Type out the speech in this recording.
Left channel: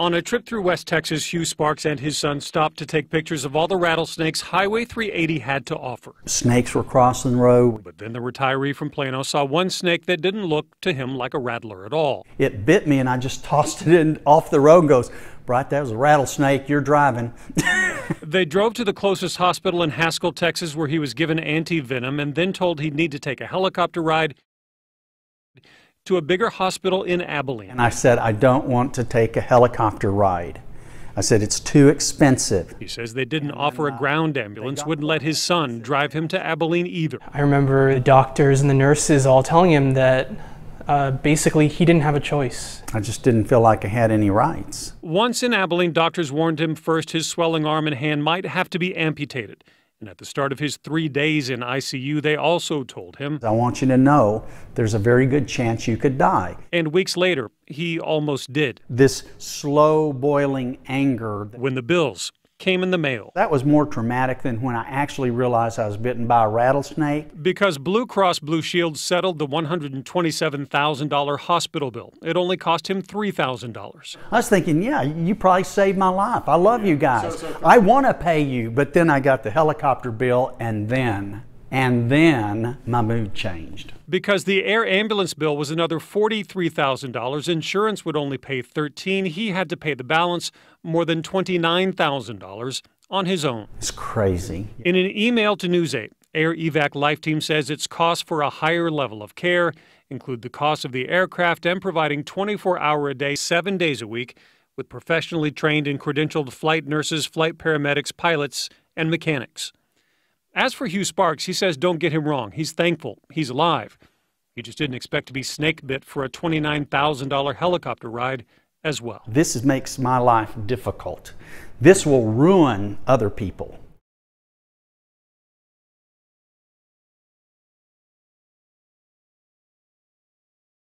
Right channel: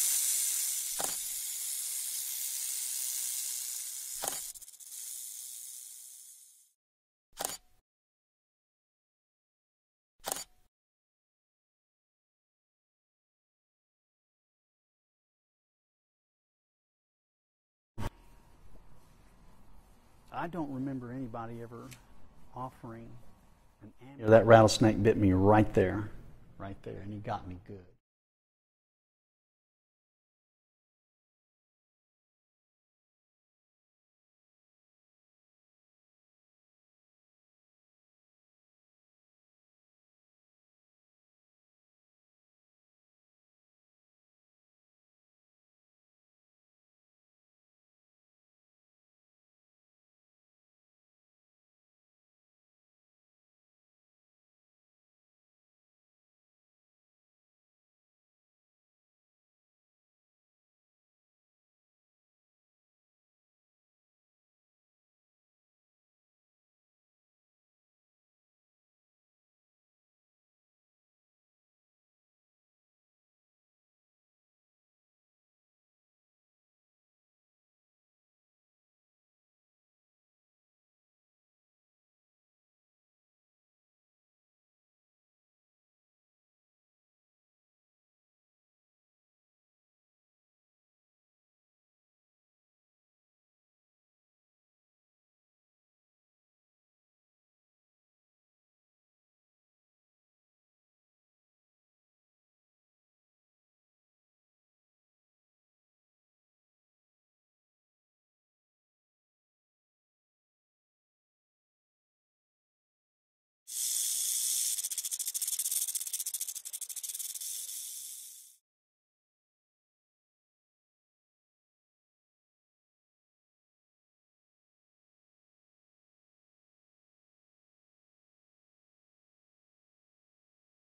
On a trip through West Texas, Hugh Sparks and his son stopped to take pictures of all the rattlesnakes Highway 380 had to offer. Snakes were crossing the road. But then the retiree from Plano saw one snake that didn't look to him like a rattler at all. It bit me and I just tossed it in off the road and goes, "Bright, that was a rattlesnake, you're driving." They drove to the closest hospital in Haskell, Texas, where he was given anti-venom and then told he'd need to take a helicopter ride. That rattlesnake bit me right there. To a bigger hospital in Abilene. And I said, "I don't want to take a helicopter ride." I said, "It's too expensive." He says they didn't offer a ground ambulance, wouldn't let his son drive him to Abilene either. I remember the doctors and the nurses all telling him that basically he didn't have a choice. I just didn't feel like I had any rights. Once in Abilene, doctors warned him first his swelling arm and hand might have to be amputated. And at the start of his 3 days in ICU, they also told him, "I want you to know there's a very good chance you could die." And weeks later, he almost did. This slow boiling anger. When the bills came in the mail. That was more traumatic than when I actually realized I was bitten by a rattlesnake. Because Blue Cross Blue Shield settled the $127,000 hospital bill. It only cost him $3,000. I was thinking, yeah, you probably saved my life. I love you guys. I want to pay you. But then I got the helicopter bill, and then my mood changed. Because the air ambulance bill was another $43,000, insurance would only pay $13,000. He had to pay the balance, more than $29,000, on his own. It's crazy. In an email to News 8, Air Evac Life Team says its costs for a higher level of care include the cost of the aircraft and providing 24-hour-a-day, 7 days a week, with professionally trained and credentialed flight nurses, flight paramedics, pilots, and mechanics. As for Hugh Sparks, he says don't get him wrong. He's thankful he's alive. He just didn't expect to be snake bit for a $29,000 helicopter ride as well. This makes my life difficult. This will ruin other people.